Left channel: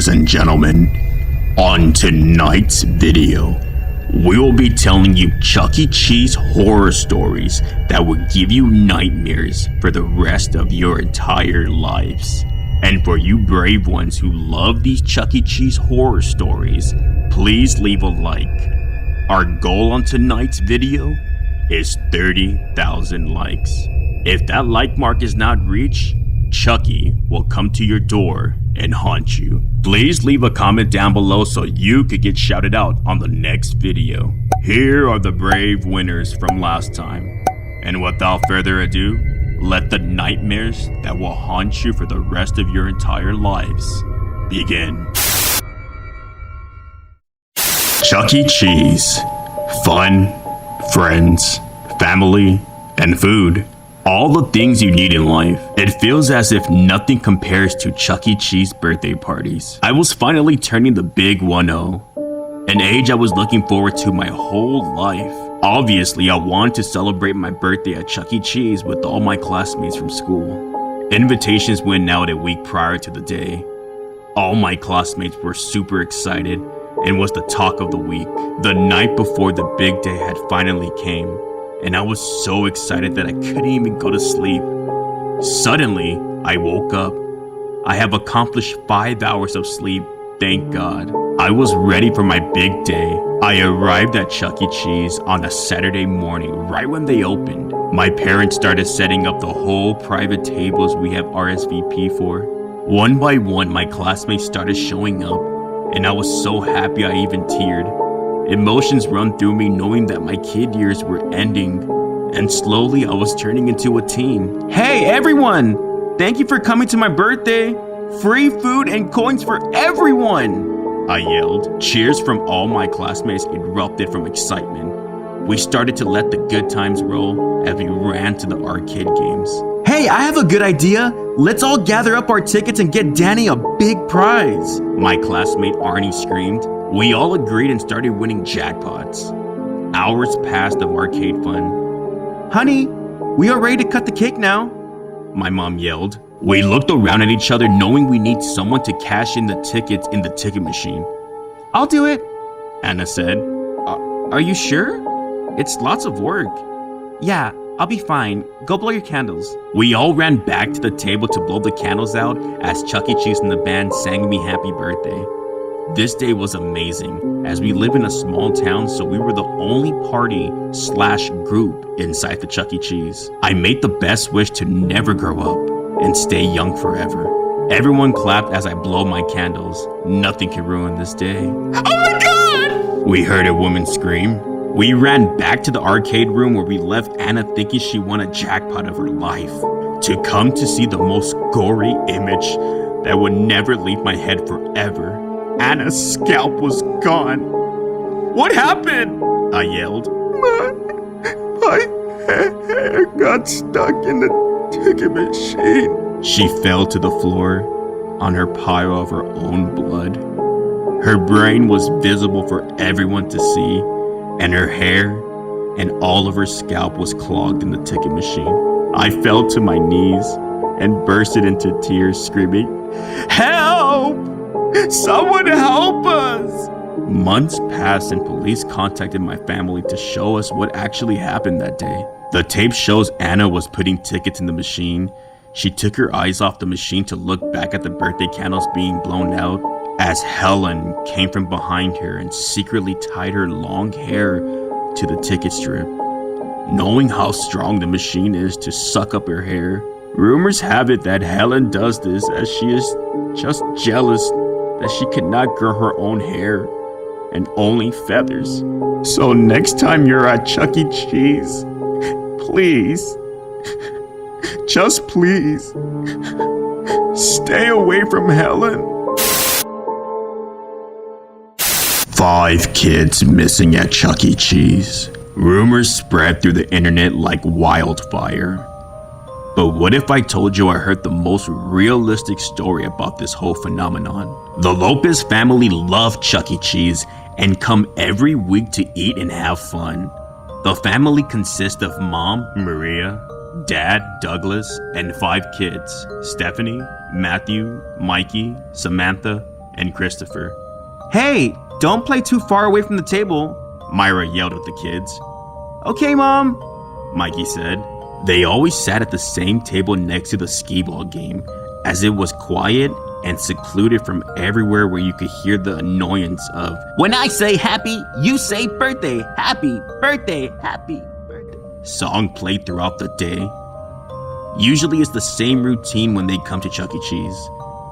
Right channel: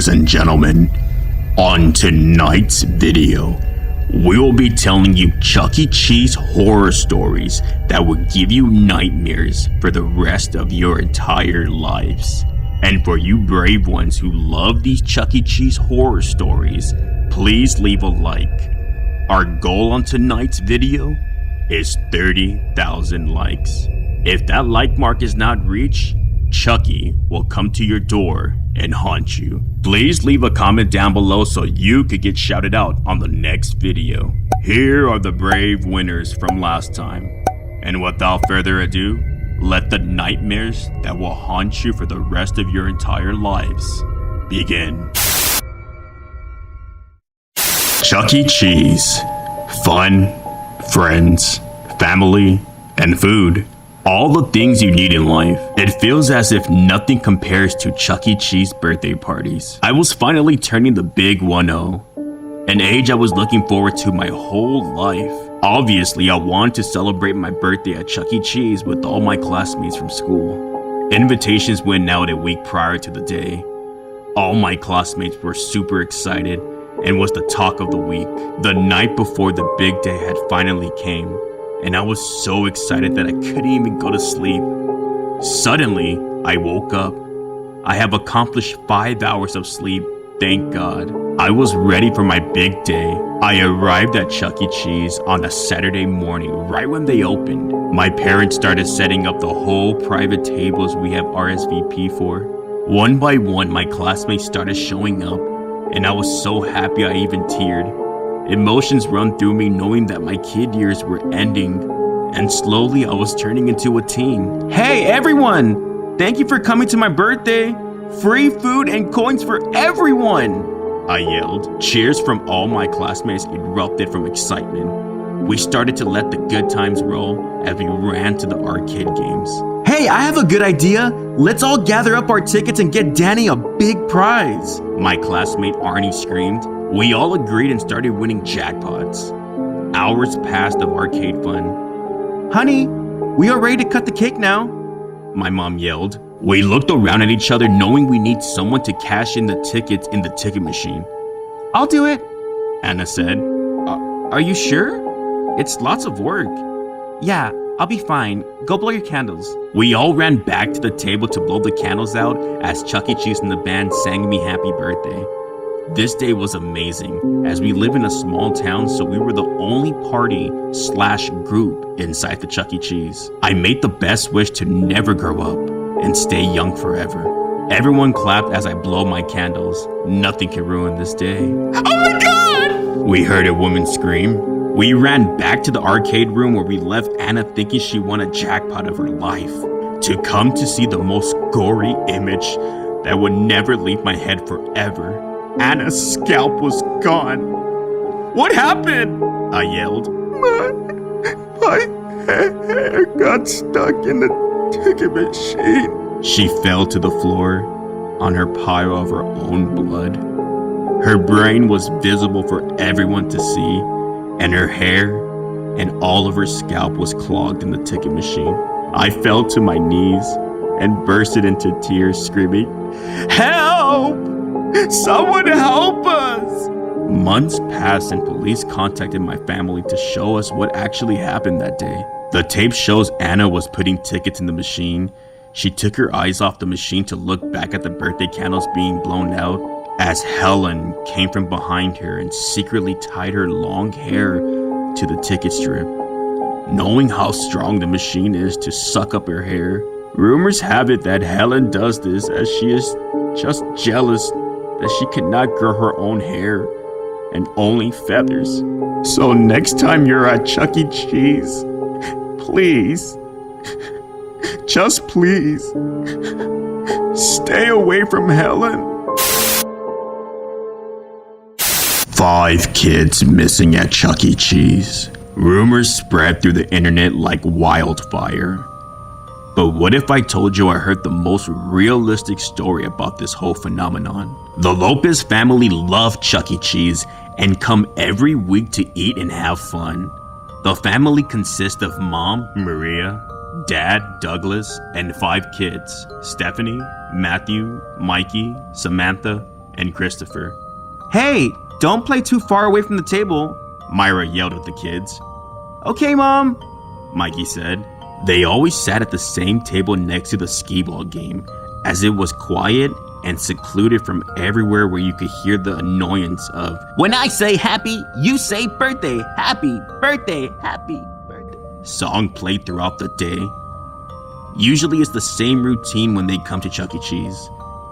Ladies and gentlemen, on tonight's video, we will be telling you Chuck E. Cheese horror stories that will give you nightmares for the rest of your entire lives. And for you brave ones who love these Chuck E. Cheese horror stories, please leave a like. Our goal on tonight's video is 30,000 likes. If that like mark is not reached, Chucky will come to your door and haunt you. Please leave a comment down below so you could get shouted out on the next video. Here are the brave winners from last time. And without further ado, let the nightmares that will haunt you for the rest of your entire lives begin. Chuck E. Cheese. Fun, friends, family, and food. All the things you need in life. It feels as if nothing compares to Chuck E. Cheese birthday parties. I was finally turning the big 1-0, an age I was looking forward to my whole life. Obviously, I wanted to celebrate my birthday at Chuck E. Cheese with all my classmates from school. Invitations went out a week prior to the day. All my classmates were super excited and was the talk of the week. The night before the big day had finally came, and I was so excited that I couldn't even go to sleep. Suddenly, I woke up. I have accomplished 5 hours of sleep, thank God. I was ready for my big day. I arrived at Chuck E. Cheese on a Saturday morning right when they opened. My parents started setting up the whole private tables we have RSVP for. One by one, my classmates started showing up, and I was so happy I even teared. Emotions run through me knowing that my kid years were ending, and slowly I was turning into a teen. Hey everyone! Thank you for coming to my birthday! Free food and coins for everyone! I yelled. Cheers from all my classmates erupted from excitement. We started to let the good times roll as we ran to the arcade games. Hey, I have a good idea! Let's all gather up our tickets and get Danny a big prize! My classmate Arnie screamed. We all agreed and started winning jackpots. Hours passed of arcade fun. Honey, we are ready to cut the cake now, my mom yelled. We looked around at each other knowing we need someone to cash in the tickets in the ticket machine. I'll do it, Anna said. Are you sure? It's lots of work. Yeah, I'll be fine. Go blow your candles. We all ran back to the table to blow the candles out as Chuck E. Cheese and the band sang me happy birthday. This day was amazing, as we live in a small town, so we were the only party/group inside the Chuck E. Cheese. I made the best wish to never grow up and stay young forever. Everyone clapped as I blow my candles. Nothing can ruin this day. Oh my God! We heard a woman scream. We ran back to the arcade room where we left Anna thinking she won a jackpot of her life, to come to see the most gory image that would never leave my head forever. Anna's scalp was gone. What happened? I yelled. My hair got stuck in the ticket machine. She fell to the floor on her pile of her own blood. Her brain was visible for everyone to see, and her hair and all of her scalp was clogged in the ticket machine. I fell to my knees and bursted into tears, screaming, "Help! Someone help us!" Months passed and police contacted my family to show us what actually happened that day. The tape shows Anna was putting tickets in the machine. She took her eyes off the machine to look back at the birthday candles being blown out as Helen came from behind her and secretly tied her long hair to the ticket strip. Knowing how strong the machine is to suck up her hair, rumors have it that Helen does this as she is just jealous that she cannot grow her own hair and only feathers. So next time you're at Chuck E. Cheese, please, just please, stay away from Helen. 5 kids missing at Chuck E. Cheese. Rumors spread through the internet like wildfire. But what if I told you I heard the most realistic story about this whole phenomenon? The Lopez family love Chuck E. Cheese and come every week to eat and have fun. The family consists of Mom, Maria, Dad, Douglas, and 5 kids: Stephanie, Matthew, Mikey, Samantha, and Christopher. Hey, don't play too far away from the table, Myra yelled at the kids. Okay, Mom, Mikey said. They always sat at the same table next to the skee-ball game, as it was quiet and secluded from everywhere where you could hear the annoyance of, when I say happy, you say birthday, happy birthday, happy birthday. Song played throughout the day. Usually it's the same routine when they come to Chuck E. Cheese.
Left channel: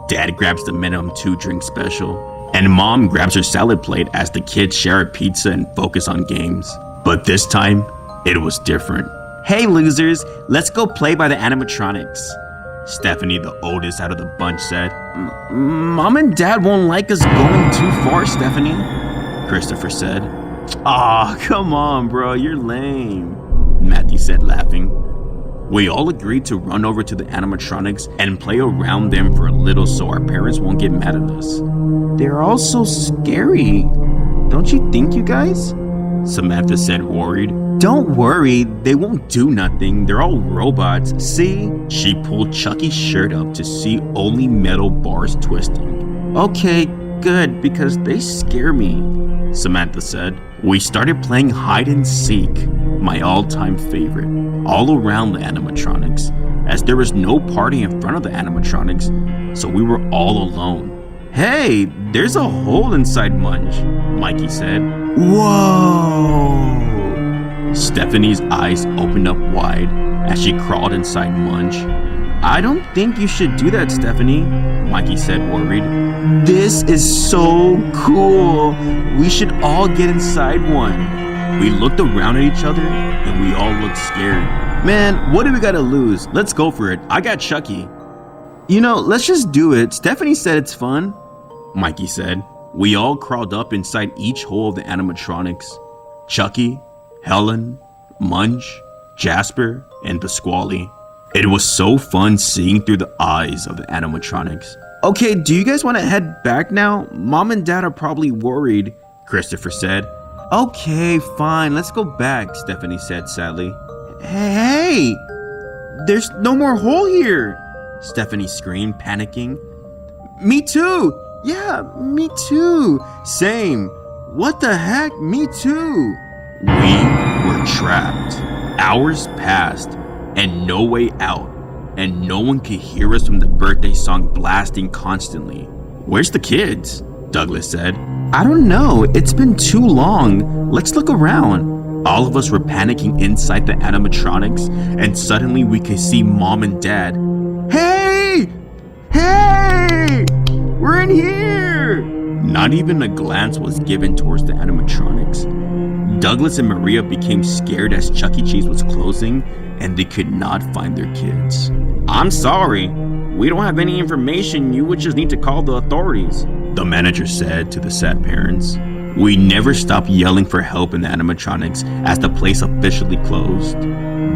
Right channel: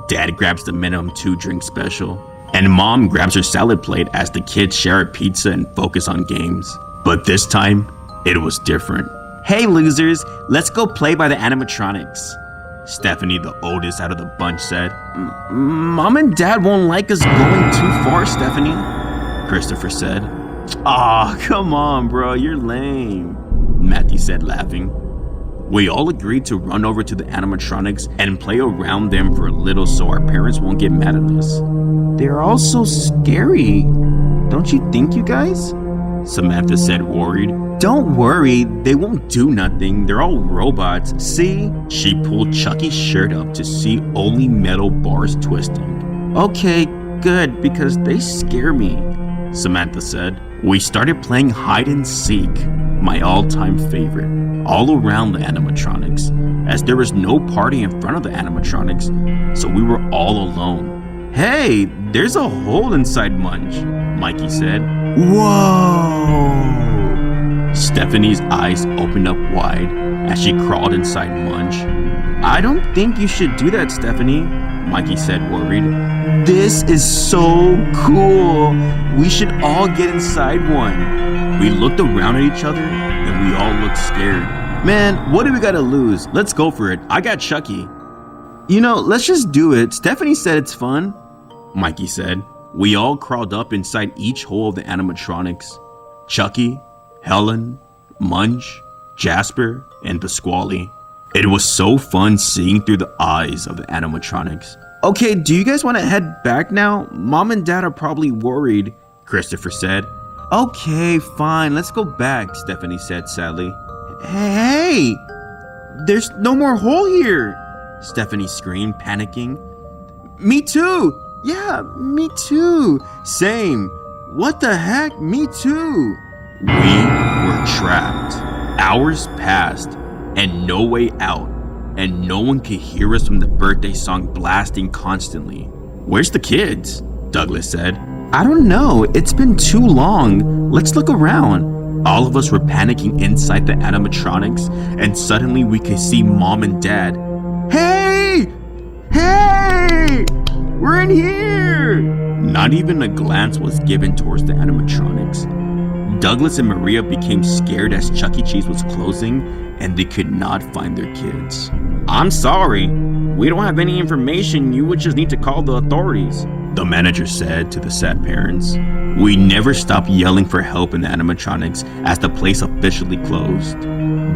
Dad grabs the minimum 2-drink special, and Mom grabs her salad plate as the kids share a pizza and focus on games. But this time, it was different. Hey losers, let's go play by the animatronics, Stephanie, the oldest out of the bunch, said. Mom and Dad won't like us going too far, Stephanie, Christopher said. Aw, come on, bro, you're lame, Matthew said, laughing. We all agreed to run over to the animatronics and play around them for a little so our parents won't get mad at us. They're all so scary. Don't you think, you guys? Samantha said, worried. Don't worry, they won't do nothing. They're all robots. See? She pulled Chucky's shirt up to see only metal bars twisting. Okay, good, because they scare me, Samantha said. We started playing hide and seek, my all-time favorite, all around the animatronics, as there was no party in front of the animatronics, so we were all alone. Hey, there's a hole inside Munch, Mikey said. Whoa! Stephanie's eyes opened up wide as she crawled inside Munch. I don't think you should do that, Stephanie, Mikey said, worried. This is so cool. We should all get inside one. We looked around at each other and we all looked scared. Man, what do we gotta lose? Let's go for it. I got Chucky. You know, let's just do it. Stephanie said it's fun, Mikey said. We all crawled up inside each hole of the animatronics. Chucky, Helen, Munch, Jasper, and Pasquale. It was so fun seeing through the eyes of the animatronics. Okay, do you guys want to head back now? Mom and Dad are probably worried, Christopher said. Okay, fine, let's go back, Stephanie said sadly. Hey! There's no more hole here, Stephanie screamed, panicking. Me too! Yeah, me too! Same! What the heck? Me too! We were trapped. Hours passed, and no way out, and no one could hear us from the birthday song blasting constantly. Where's the kids? Douglas said. I don't know, it's been too long. Let's look around. All of us were panicking inside the animatronics, and suddenly we could see Mom and Dad. Hey! Hey! We're in here! Not even a glance was given towards the animatronics. Douglas and Maria became scared as Chuck E. Cheese was closing and they could not find their kids. I'm sorry. We don't have any information. You would just need to call the authorities, the manager said to the sad parents. We never stopped yelling for help in the animatronics as the place officially closed.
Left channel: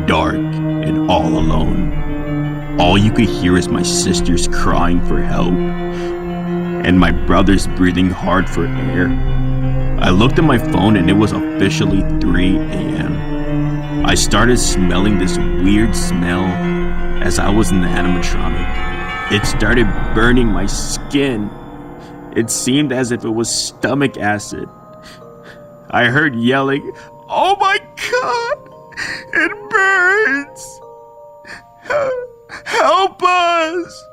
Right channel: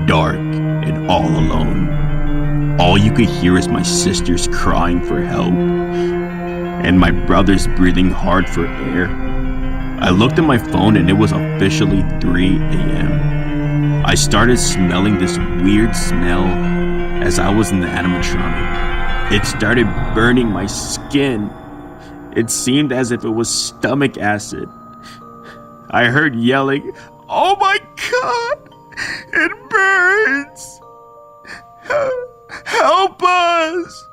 Dark and all alone. All you could hear is my sisters crying for help and my brothers breathing hard for air. I looked at my phone and it was officially 3 a.m. I started smelling this weird smell as I was in the animatronic. It started burning my skin. It seemed as if it was stomach acid. I heard yelling, "Oh my God, it burns! Help us!"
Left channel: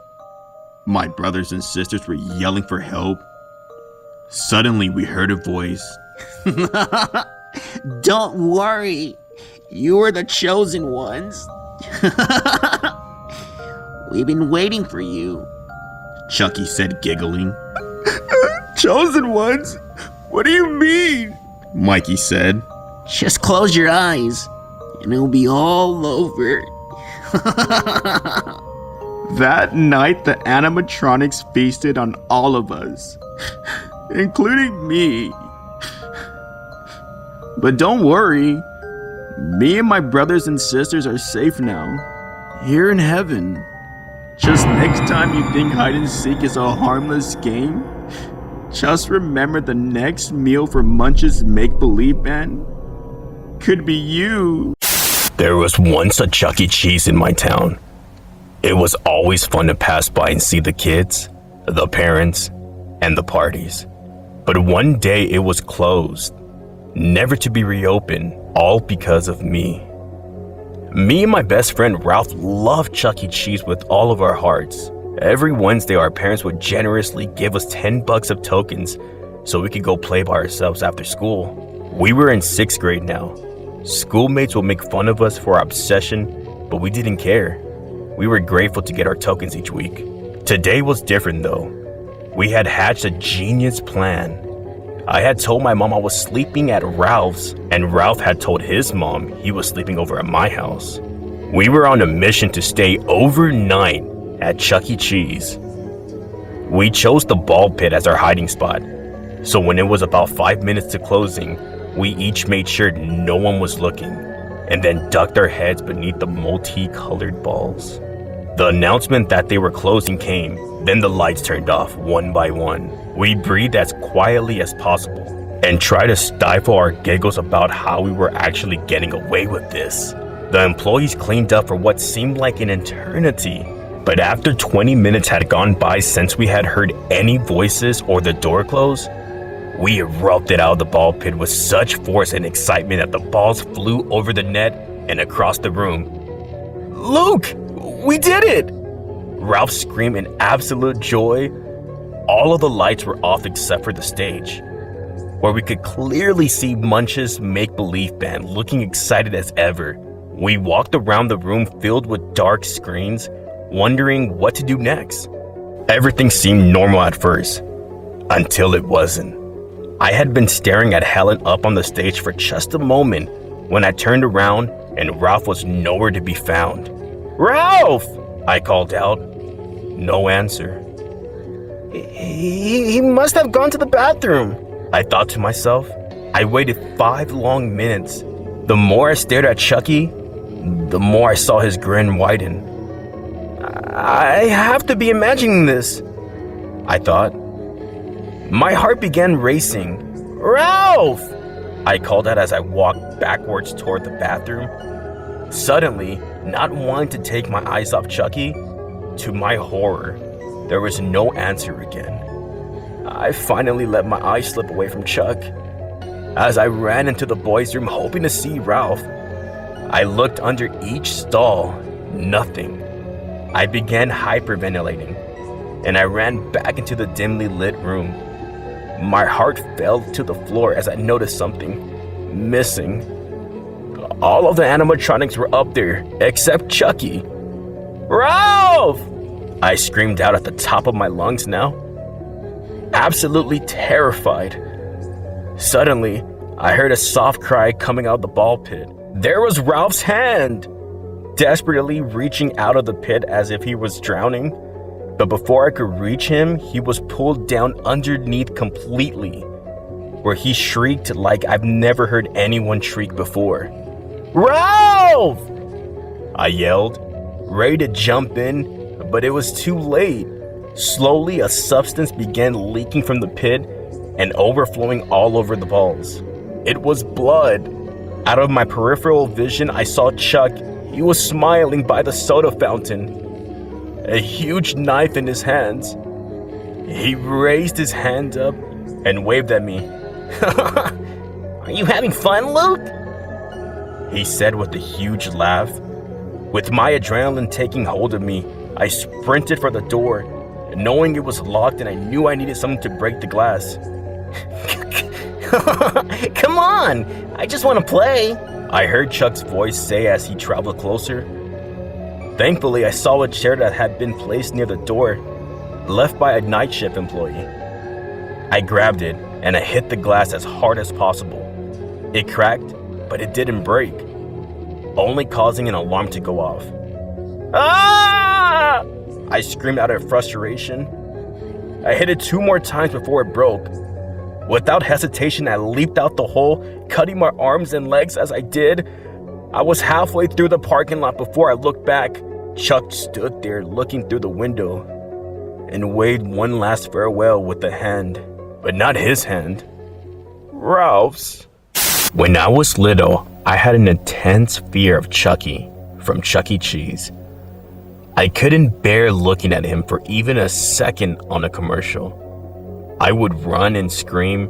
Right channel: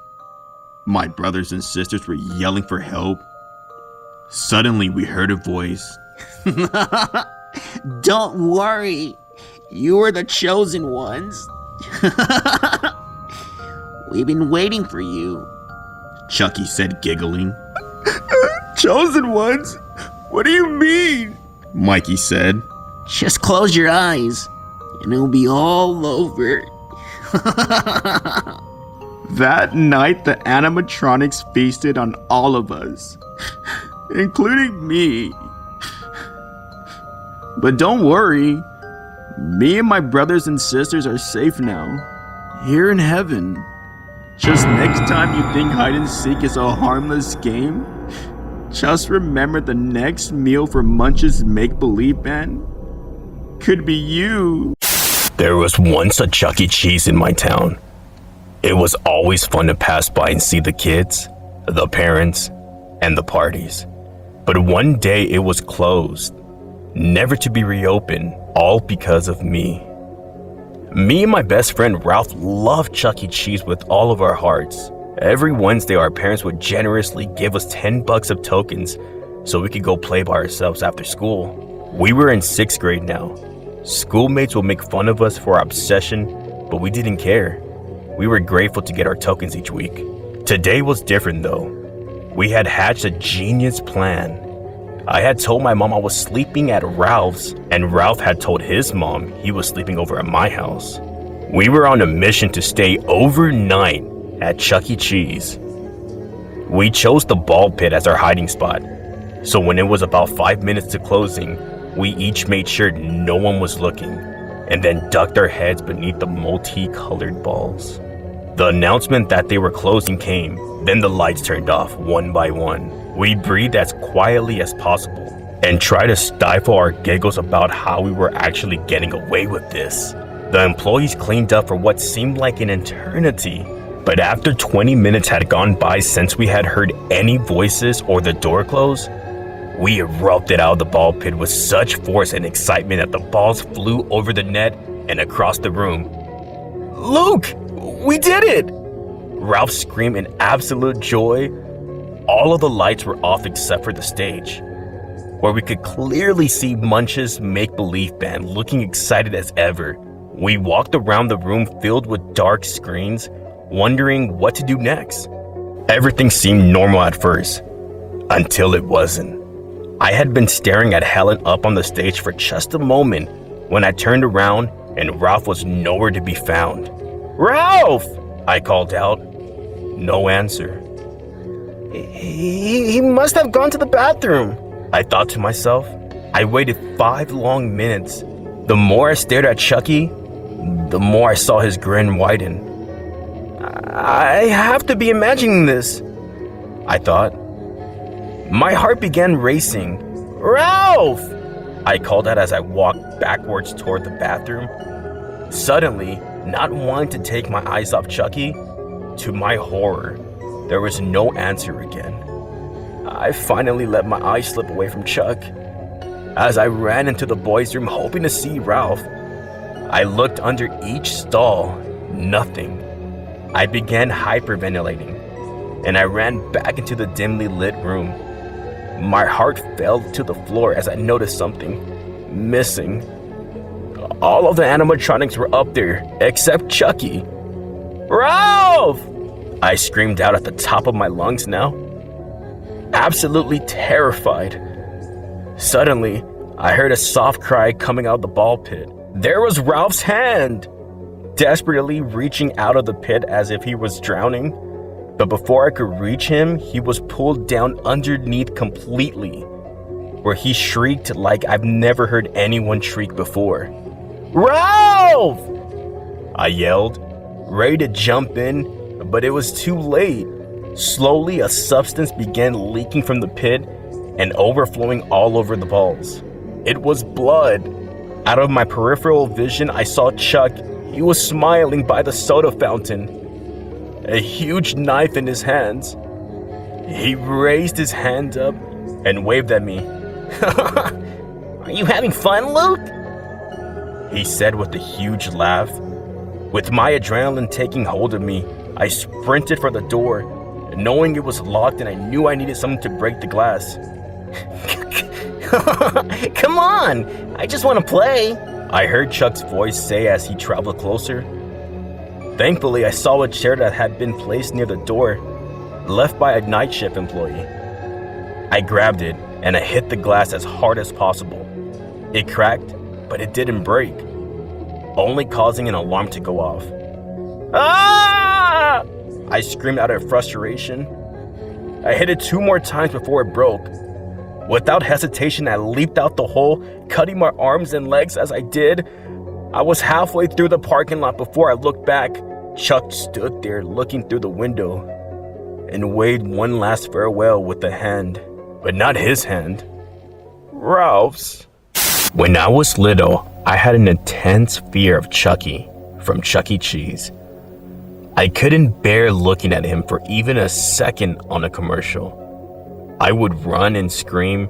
My brothers and sisters were yelling for help. Suddenly, we heard a voice. Don't worry. You are the chosen ones. We've been waiting for you, Chucky said, giggling. Chosen ones? What do you mean? Mikey said. Just close your eyes, and it'll be all over. That night, the animatronics feasted on all of us, including me. But don't worry, me and my brothers and sisters are safe now, here in heaven. Just next time you think hide and seek is a harmless game, just remember the next meal for Munch's make-believe band could be you. There was once a Chuck E. Cheese in my town. It was always fun to pass by and see the kids, the parents, and the parties. But one day it was closed, never to be reopened, all because of me. Me and my best friend Ralph loved Chuck E. Cheese with all of our hearts. Every Wednesday, our parents would generously give us $10 of tokens so we could go play by ourselves after school. We were in 6th grade now. Schoolmates would make fun of us for our obsession, but we didn't care. We were grateful to get our tokens each week. Today was different though. We had hatched a genius plan. I had told my mom I was sleeping at Ralph's, and Ralph had told his mom he was sleeping over at my house. We were on a mission to stay overnight at Chuck E. Cheese. We chose the ball pit as our hiding spot, so when it was about 5 minutes to closing, we each made sure no one was looking, and then ducked our heads beneath the multicolored balls. The announcement that they were closing came, then the lights turned off one by one. We breathed as quietly as possible and tried to stifle our giggles about how we were actually getting away with this. The employees cleaned up for what seemed like an eternity, but after 20 minutes had gone by since we had heard any voices or the door close, we erupted out of the ball pit with such force and excitement that the balls flew over the net and across the room. "Luke, we did it!" Ralph screamed in absolute joy. All of the lights were off except for the stage, where we could clearly see Munch's make-believe band looking excited as ever. We walked around the room filled with dark screens, wondering what to do next. Everything seemed normal at first, until it wasn't. I had been staring at Helen up on the stage for just a moment when I turned around and Ralph was nowhere to be found. "Ralph!" I called out. No answer. He must have gone to the bathroom, I thought to myself. I waited 5 long minutes. The more I stared at Chucky, the more I saw his grin widen. I have to be imagining this, I thought. My heart began racing. "Ralph!" I called out as I walked backwards toward the bathroom. Suddenly, not wanting to take my eyes off Chucky, to my horror, there was no answer again. I finally let my eyes slip away from Chuck. As I ran into the boys' room hoping to see Ralph, I looked under each stall. Nothing. I began hyperventilating, and I ran back into the dimly lit room. My heart fell to the floor as I noticed something missing. All of the animatronics were up there, except Chucky. "Ralph!" I screamed out at the top of my lungs now, absolutely terrified. Suddenly, I heard a soft cry coming out of the ball pit. There was Ralph's hand, desperately reaching out of the pit as if he was drowning. But before I could reach him, he was pulled down underneath completely, where he shrieked like I've never heard anyone shriek before. "Ralph!" I yelled, ready to jump in, but it was too late. Slowly, a substance began leaking from the pit and overflowing all over the balls. It was blood. Out of my peripheral vision, I saw Chuck. He was smiling by the soda fountain, a huge knife in his hands. He raised his hand up and waved at me. "Are you having fun, Luke?" he said with a huge laugh. With my adrenaline taking hold of me, I sprinted for the door, knowing it was locked and I knew I needed something to break the glass. "Come on, I just want to play," I heard Chuck's voice say as he traveled closer. Thankfully, I saw a chair that had been placed near the door, left by a night shift employee. I grabbed it and I hit the glass as hard as possible. It cracked, but it didn't break, only causing an alarm to go off. "Ah!" I screamed out of frustration. I hit it 2 more times before it broke. Without hesitation, I leaped out the hole, cutting my arms and legs as I did. I was halfway through the parking lot before I looked back. Chuck stood there looking through the window and waved one last farewell with a hand, but not his hand. Ralph's. When I was little, I had an intense fear of Chucky from Chuck E. Cheese. I couldn't bear looking at him for even a second on a commercial. I would run and scream,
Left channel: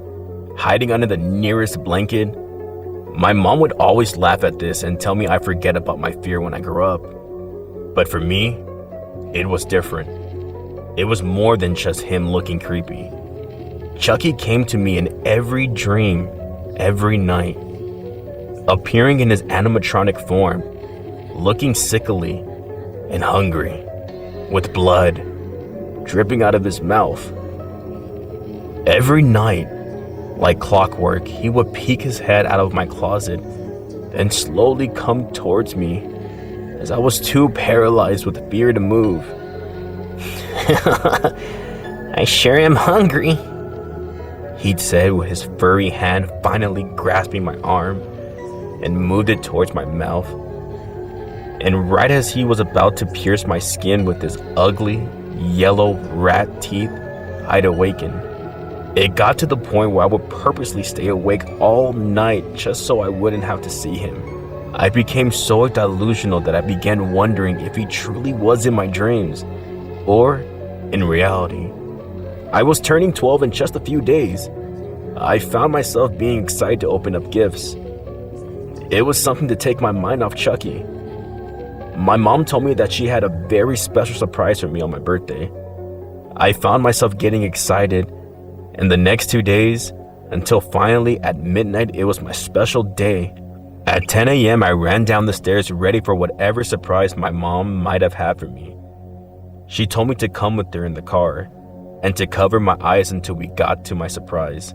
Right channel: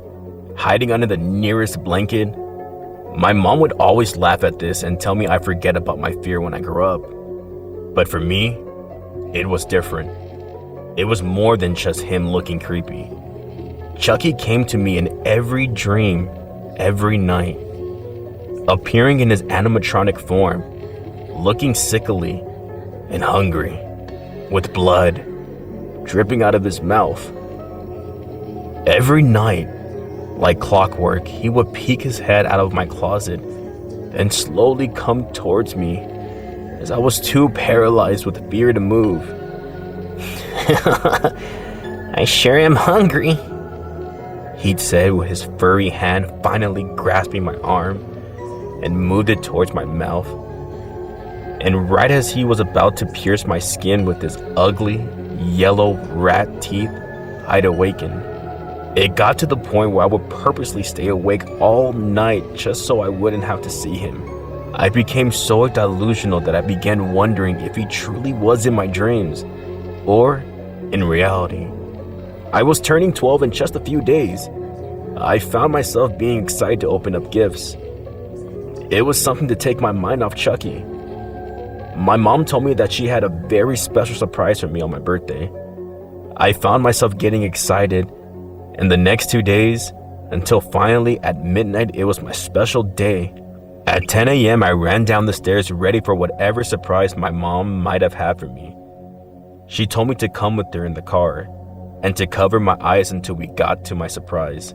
hiding under the nearest blanket. My mom would always laugh at this and tell me I forget about my fear when I grow up. But for me, it was different. It was more than just him looking creepy. Chucky came to me in every dream, every night, appearing in his animatronic form, looking sickly and hungry, with blood dripping out of his mouth. Every night, like clockwork, he would peek his head out of my closet and slowly come towards me as I was too paralyzed with fear to move. "I sure am hungry," he'd said with his furry hand finally grasping my arm and moved it towards my mouth. And right as he was about to pierce my skin with his ugly, yellow rat teeth, I'd awaken. It got to the point where I would purposely stay awake all night just so I wouldn't have to see him. I became so delusional that I began wondering if he truly was in my dreams or in reality. I was turning 12 in just a few days. I found myself being excited to open up gifts. It was something to take my mind off Chucky. My mom told me that she had a very special surprise for me on my birthday. I found myself getting excited, and the next 2 days, until finally at midnight, it was my special day. At 10 a.m., I ran down the stairs ready for whatever surprise my mom might have had for me. She told me to come with her in the car and to cover my eyes until we got to my surprise.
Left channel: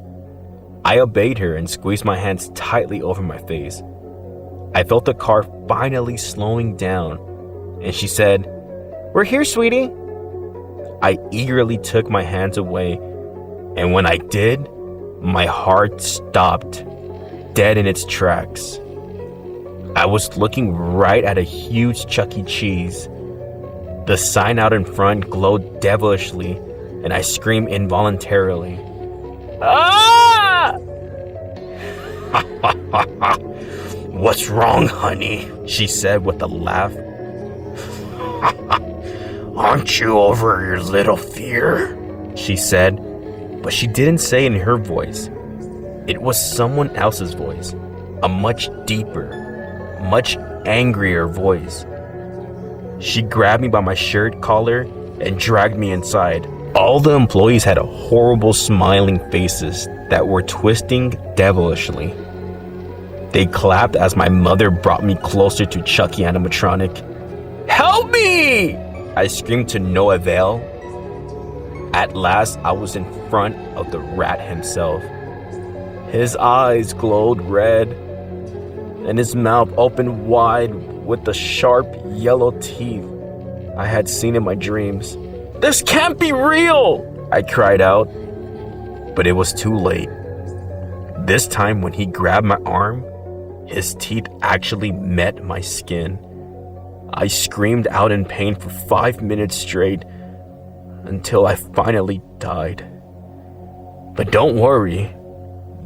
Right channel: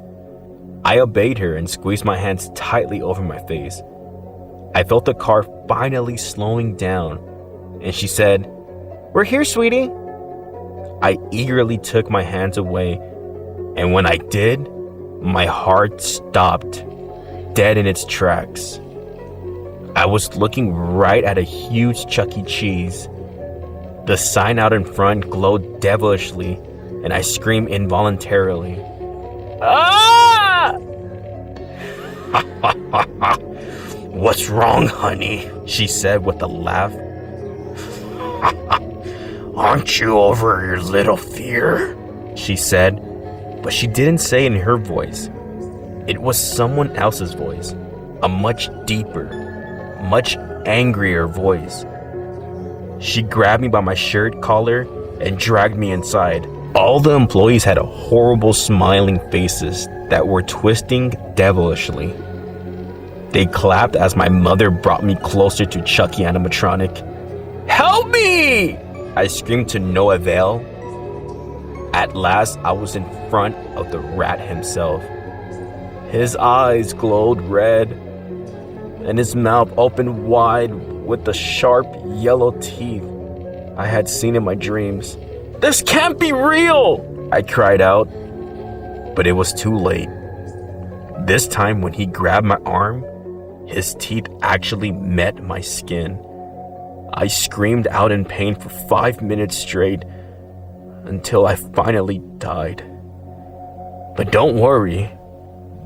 I obeyed her and squeezed my hands tightly over my face. I felt the car finally slowing down, and she said, "We're here, sweetie." I eagerly took my hands away, and when I did, my heart stopped, dead in its tracks. I was looking right at a huge Chuck E. Cheese. The sign out in front glowed devilishly, and I screamed involuntarily. "Ah!" "What's wrong, honey?" she said with a laugh. "Aren't you over your little fear?" she said, but she didn't say in her voice. It was someone else's voice, a much deeper, much angrier voice. She grabbed me by my shirt collar and dragged me inside. All the employees had horrible smiling faces that were twisting devilishly. They clapped as my mother brought me closer to Chucky animatronic. "Help me!" I screamed to no avail. At last, I was in front of the rat himself. His eyes glowed red, and his mouth opened wide with the sharp yellow teeth I had seen in my dreams. "This can't be real!" I cried out, but it was too late. This time when he grabbed my arm, his teeth actually met my skin. I screamed out in pain for 5 minutes straight until I finally died. But don't worry,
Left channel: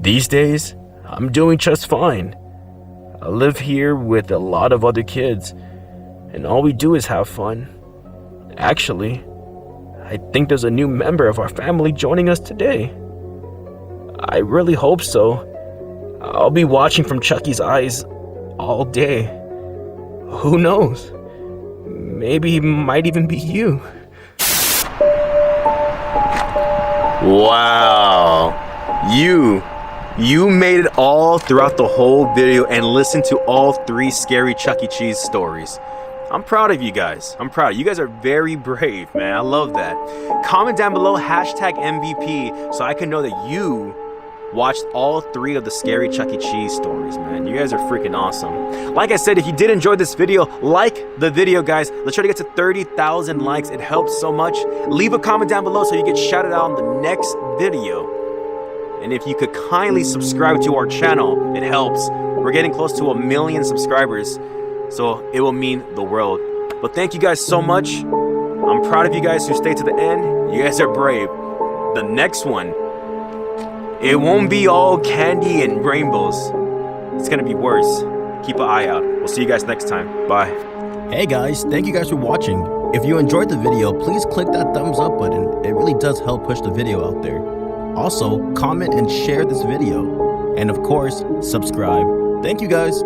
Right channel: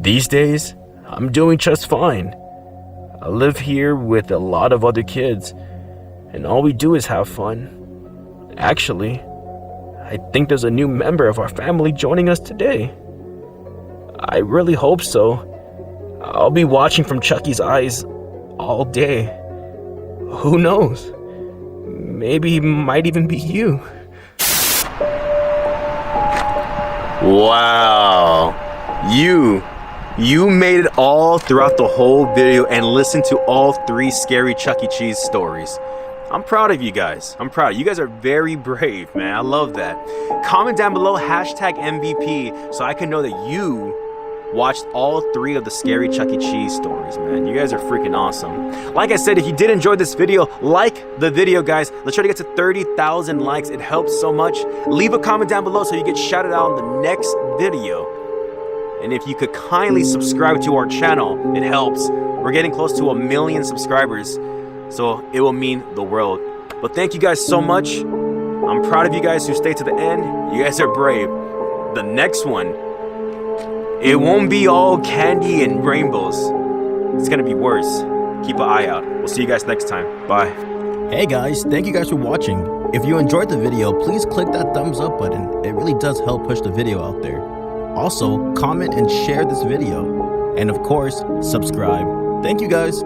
these days I'm doing just fine. I live here with a lot of other kids, and all we do is have fun. Actually, I think there's a new member of our family joining us today. I really hope so. I'll be watching from Chucky's eyes all day. Who knows? Maybe it might even be you. Wow. You made it all throughout the whole video and listened to all 3 scary Chuck E. Cheese stories. I'm proud of you guys. You guys are very brave, man. I love that. Comment down below #MVP so I can know that you watched all 3 of the scary Chuck E. Cheese stories, man. You guys are freaking awesome. Like I said, if you did enjoy this video, like the video, guys. Let's try to get to 30,000 likes. It helps so much. Leave a comment down below so you get shouted out in the next video. And if you could kindly subscribe to our channel, it helps. We're getting close to 1 million subscribers, so it will mean the world. But thank you guys so much. I'm proud of you guys who stayed to the end. You guys are brave. The next one, it won't be all candy and rainbows. It's gonna be worse. Keep an eye out. We'll see you guys next time. Bye. Hey guys, thank you guys for watching. If you enjoyed the video, please click that thumbs up button. It really does help push the video out there. Also, comment and share this video. And of course, subscribe. Thank you guys.